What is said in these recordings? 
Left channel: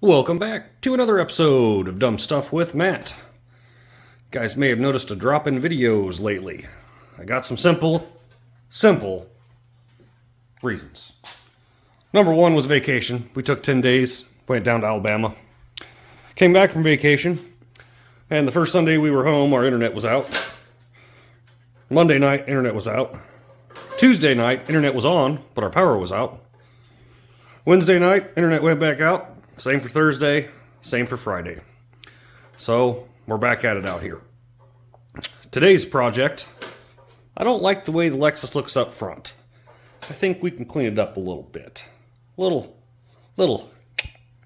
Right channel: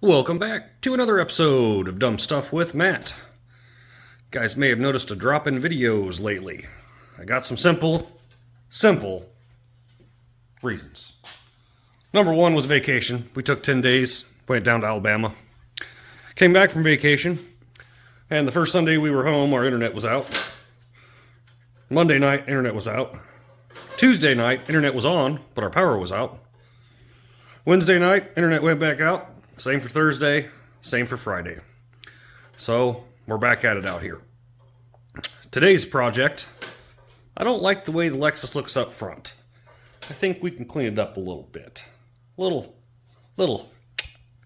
Welcome back to another episode of Dumb Stuff with Matt. You guys may have noticed a drop in videos lately. I got some simple reasons. Number one was vacation. We took 10 days, went down to Alabama. Came back from vacation, and the first Sunday we were home, our internet was out. Monday night, internet was out. Tuesday night, internet was on, but our power was out. Wednesday night, internet went back out. Same for Thursday, same for Friday. So, we're back at it out here. Today's project, I don't like the way the Lexus looks up front. I think we can clean it up a little bit. Little,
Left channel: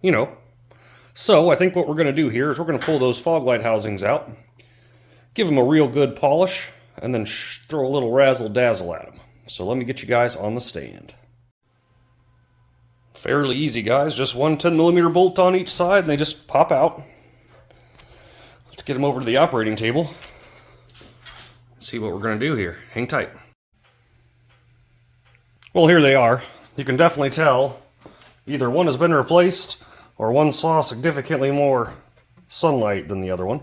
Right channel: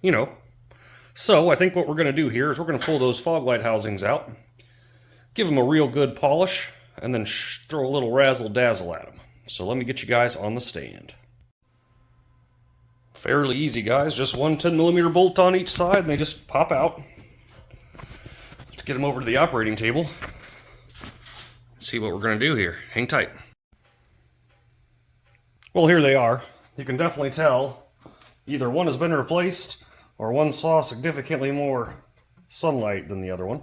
you know. So, I think what we're going to do here is we're going to pull those fog light housings out, give them a real good polish, and then throw a little razzle-dazzle at them. So, let me get you guys on the stand. Fairly easy, guys. Just one 10mm bolt on each side, and they just pop out. Let's get them over to the operating table. See what we're going to do here. Hang tight. Well, here they are. You can definitely tell either one has been replaced or one saw significantly more sunlight than the other one.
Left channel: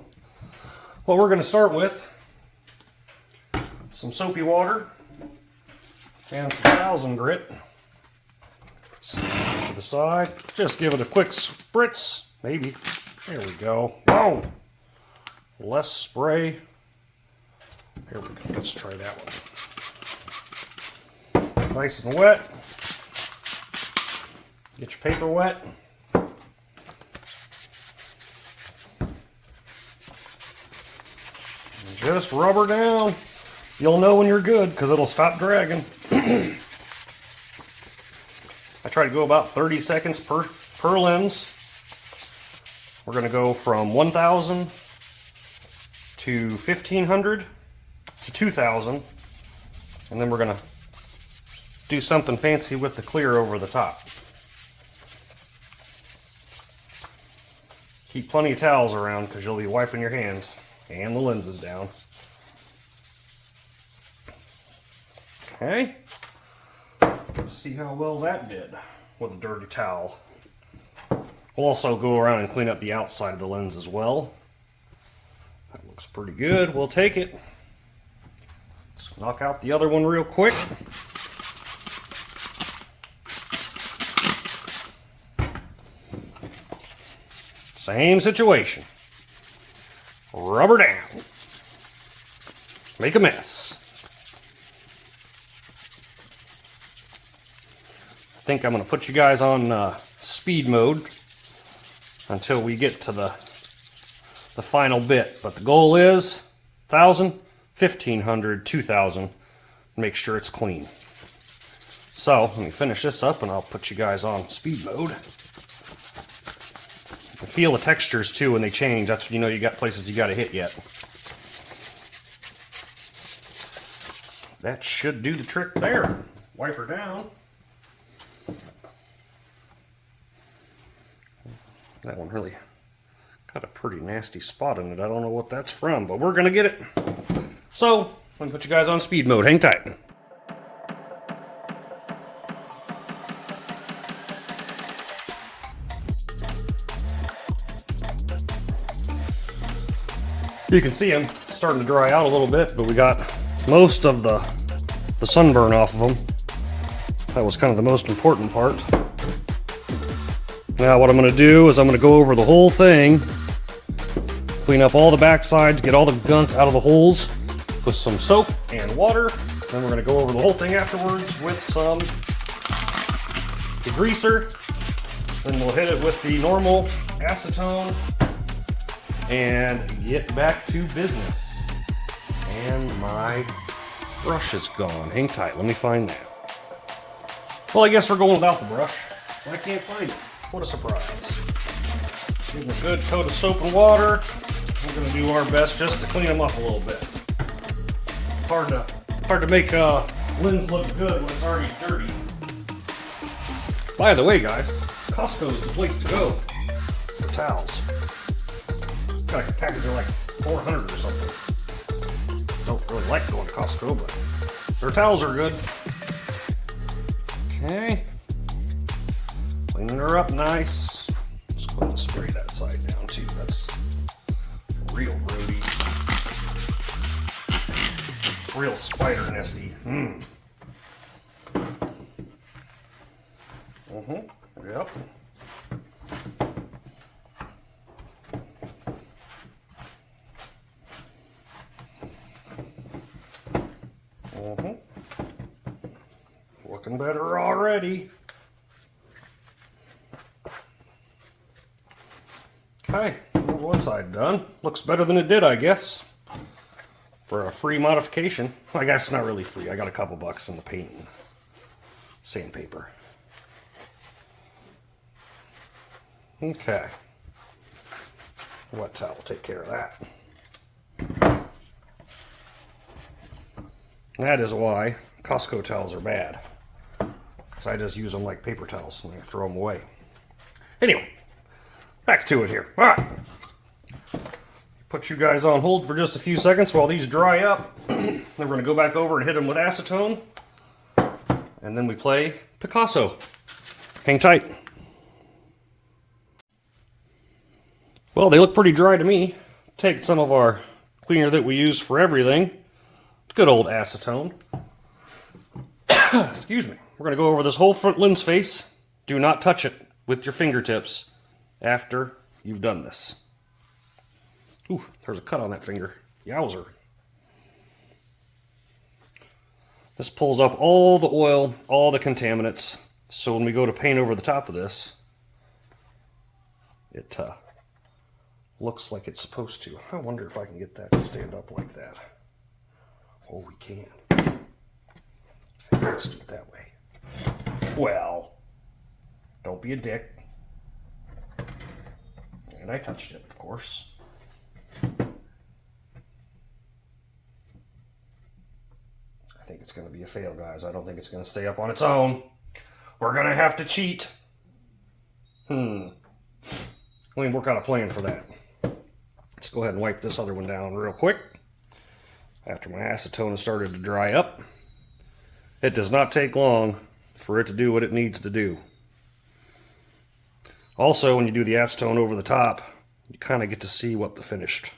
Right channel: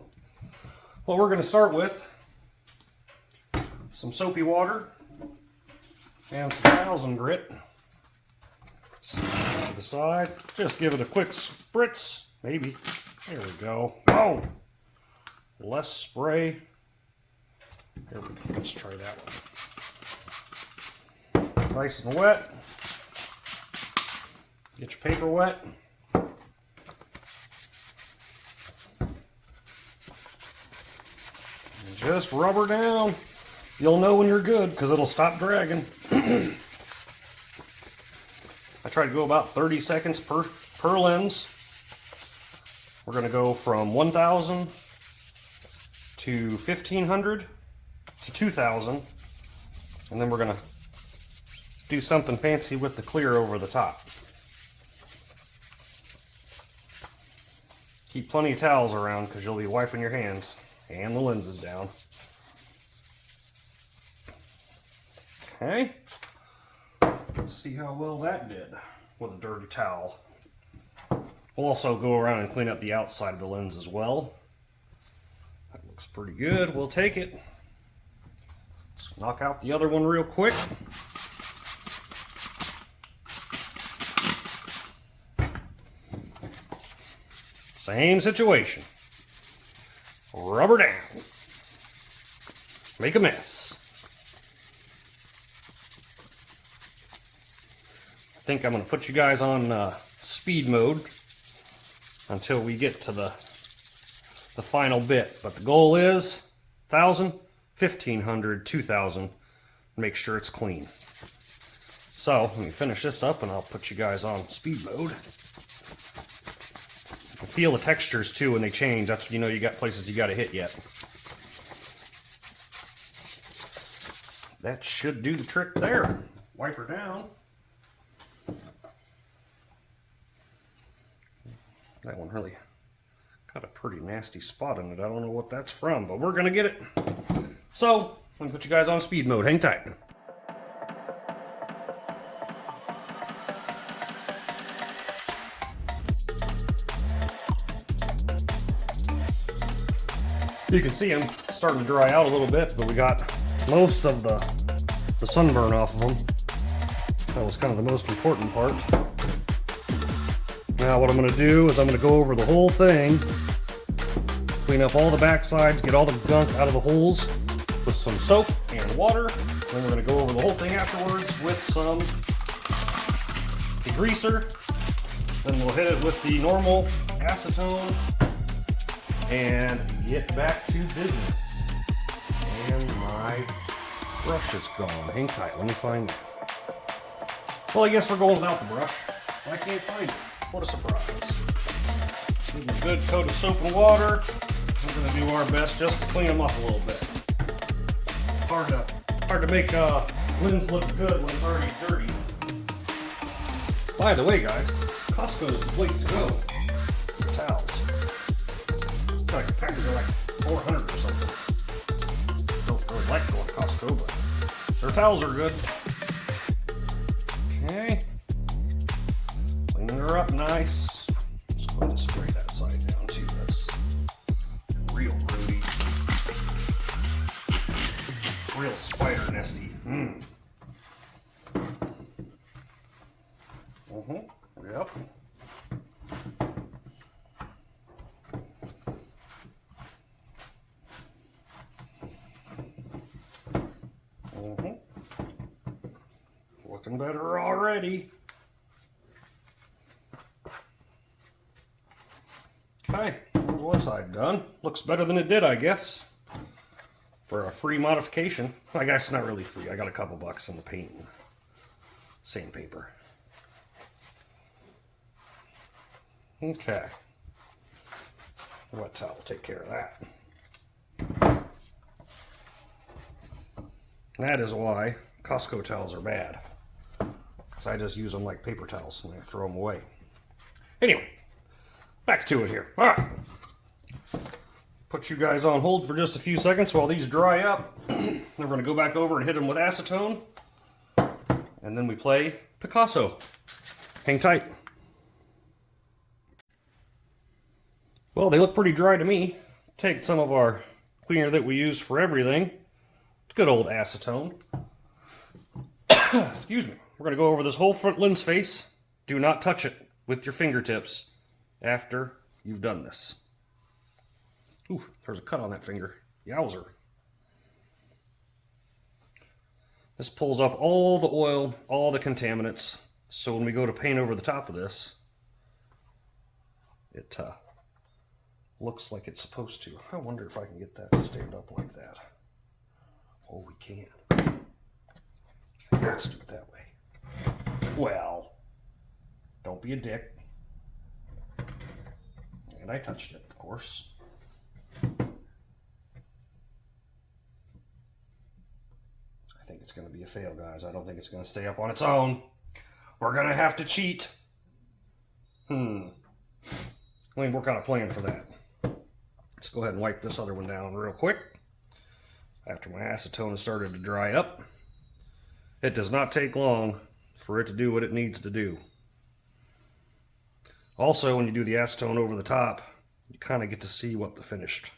What we're going to start with, some soapy water and some thousand grit. To the side, just give it a quick spritz, maybe. There we go. Whoa! Less spray. Here we go. Let's try that one. Nice and wet. Get your paper wet. And just rub her down. You'll know when you're good because it'll stop dragging. I try to go about 30 seconds per lens. We're going to go from 1,000 to 1,500 to 2,000. And then we're going to do something fancy with the clear over the top. Keep plenty of towels around because you'll be wiping your hands and the lenses down. Okay. Let's see how well that did with a dirty towel. We'll also go around and clean up the outside of the lens as well. That looks pretty good. We'll take it. Let's knock out the other one real quick. Same situation. Rub her down. Make a mess. I think I'm going to put you guys on speed mode until we get to the final bit. But the goal is 1,000, 1,500, 2,000. Make sure it's clean. So let me finish this up and I'll put you guys on speed mode. You can feel the textures too when they change. That's when you know you got places you got to hit yet. That should do the trick there. Wipe her down. That one really got a pretty nasty spot in it. I don't know what that's from, but we're going to get it. So, let me put you guys on speed mode. Hang tight. You can see them starting to dry out a little bit, but we got most of the sunburn off of them. That was kind of the most important part. Now what I'm going to do is I'm going to go over the whole thing, clean up all the back sides, get all the gunk out of the holes with some soap and water. Then we're going to go over the whole thing afterwards with some degreaser. Then we'll hit it with the normal acetone and get back to business. And my brush is gone. Hang tight, let me find that. Well, I guess we're going without the brush. I can't find it. What a surprise. Give them a good coat of soap and water. We're going to do our best just to clean them up a little bit. Hard to make lens look good when it's already dirty. By the way, guys, Costco is the place to go for towels. Got a package of like 400 or something. Don't really like going to Costco, but their towels are good. Okay. Cleaning her up nice. Just I'm going to spray that side down too. That's real grody. Real spider nesty. Yep. Looking better already. Okay, there's one side done. Looks better than it did, I guess. For a free modification. I guess not really free. I got a couple bucks in the paint and sandpaper. Okay. Wet towel will take care of that. That is why Costco towels are bad. Because I just use them like paper towels and I throw them away. Anyway, back to it here. All right. Put you guys on hold for just a few seconds while these dry up. Then we're going to go back over and hit them with acetone. And then we play Picasso. Hang tight. Well, they look pretty dry to me. Take some of our cleaner that we use for everything. Good old acetone. Excuse me. We're going to go over this whole front lens face. Do not touch it with your fingertips after you've done this. Ooh, there's a cut on that finger. Yowzer. This pulls up all the oil, all the contaminants. So when we go to paint over the top of this, it looks like it's supposed to. I wonder if I can get that to stand up like that. Oh, we can. Okay, let's do it that way. Well, don't be a dick. And I touched it, of course. I think it's going to be a fail, guys. I don't think it's going to stay up on its own. We're going to have to cheat. Let me work out a plan for that. Let's go ahead and wipe this other one down real quick. After my acetone has started to dry up. It does not take long for it to do what it needs to do. Also, when you do the acetone over the top, you kind of get to see what the finished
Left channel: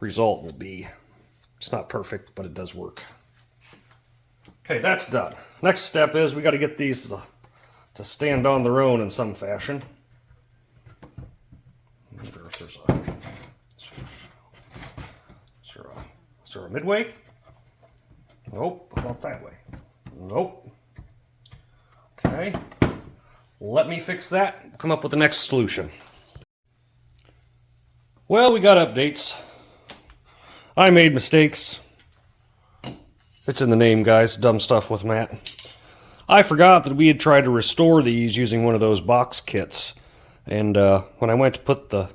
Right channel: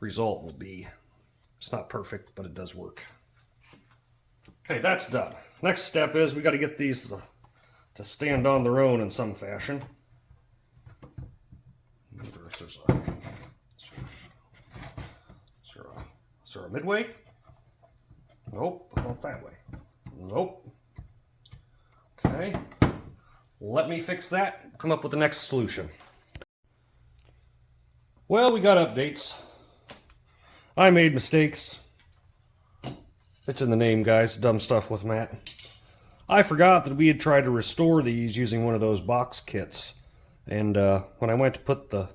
result will be. It's not perfect, but it does work. Okay, that's done. Next step is we got to get these to stand on their own in some fashion. I wonder if there's is there a midway? Nope, not that way. Nope. Okay. Let me fix that. Come up with the next solution. Well, we got updates. I made mistakes. It's in the name, guys. Dumb stuff with Matt. I forgot that we had tried to restore these using one of those box kits. And when I went to put the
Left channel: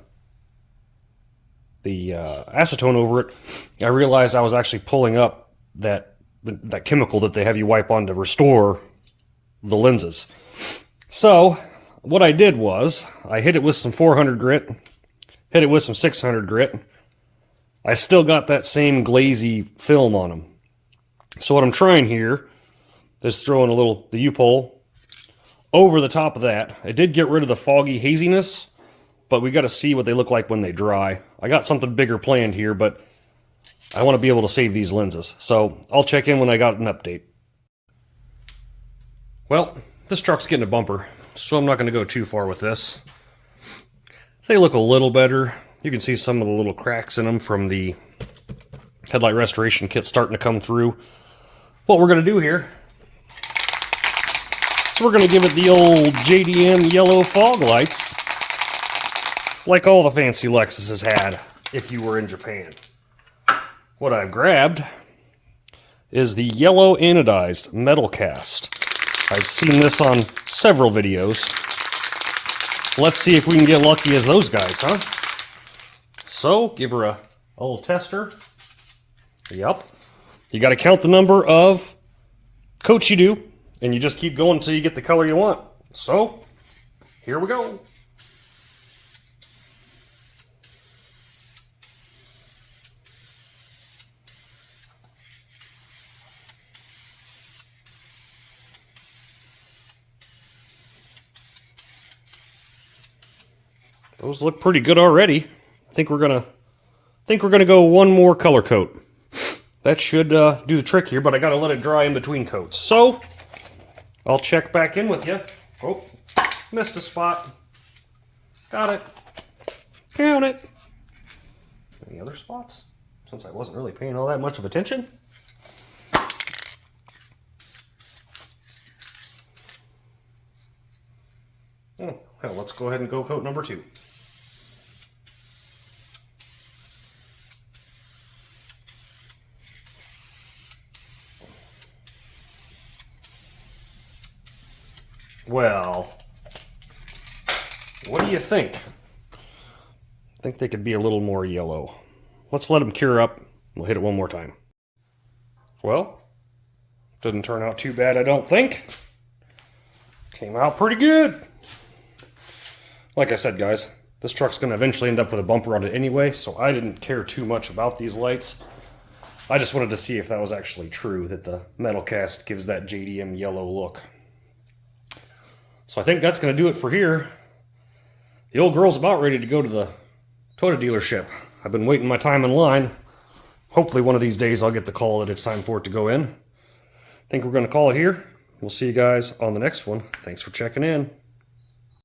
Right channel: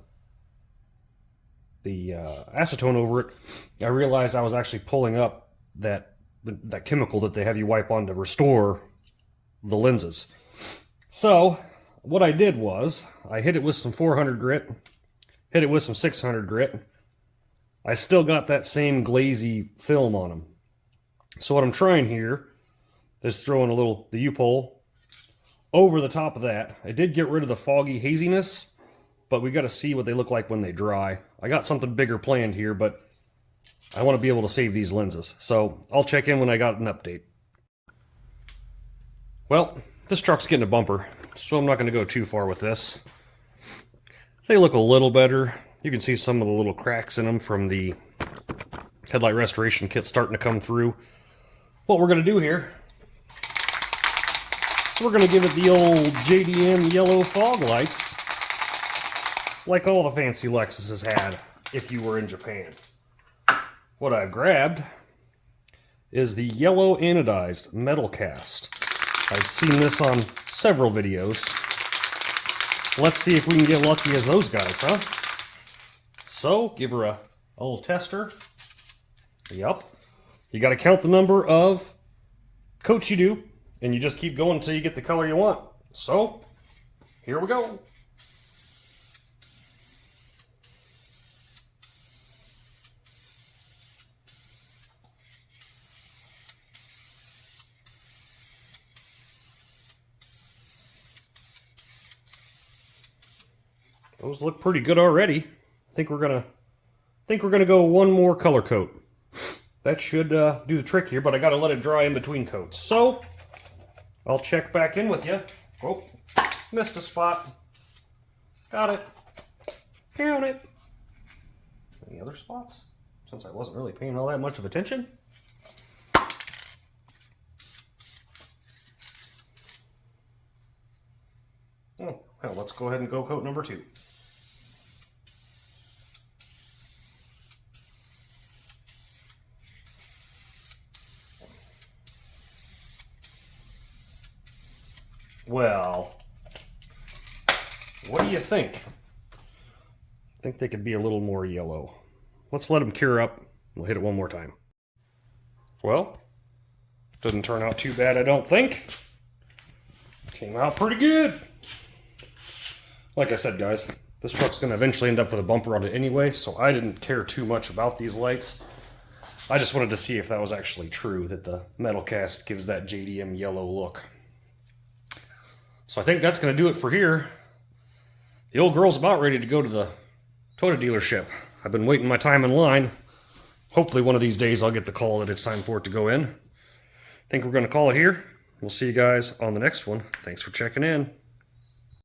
acetone over it, I realized I was actually pulling up that chemical that they have you wipe on to restore the lenses. So what I did was I hit it with some 400 grit, hit it with some 600 grit. I still got that same glazy film on them. So what I'm trying here is throwing the U-pole over the top of that. I did get rid of the foggy haziness, but we got to see what they look like when they dry. I got something bigger planned here, but I want to be able to save these lenses. So I'll check in when I got an update. Well, this truck's getting a bumper, so I'm not going to go too far with this. They look a little better. You can see some of the little cracks in them from the headlight restoration kit starting to come through. What we're going to do here is we're going to give it the old JDM yellow fog lights, like all the fancy Lexuses had if you were in Japan. What I've grabbed is the yellow anodized Metalcast. I've seen this on several videos. Let's see if we can get lucky as those guys, huh? So, give her a little tester. Yep. You got to count the number of coats you do, and you just keep going until you get the color you want. So, here we go. Those look pretty good already. I think we're gonna go one more color coat. That should do the trick here, but I gotta let it dry in between coats. So I'll check back in with you. Oh, missed a spot. Got it. Count it. Any other spots? Since I wasn't really paying all that much of attention. Oh, hell, let's go ahead and go coat number 2. Well, what do you think? I think they could be a little more yellow. Let's let them cure up. We'll hit it one more time. Well, didn't turn out too bad, I don't think. Came out pretty good. Like I said, guys, this truck's going to eventually end up with a bumper on it anyway, so I didn't care too much about these lights. I just wanted to see if that was actually true, that the Metalcast gives that JDM yellow look. So I think that's going to do it for here. The old girl's about ready to go to the Toyota dealership. I've been waiting my time in line. Hopefully one of these days I'll get the call that it's time for it to go in. I think we're going to call it here. We'll see you guys on the next one. Thanks for checking in.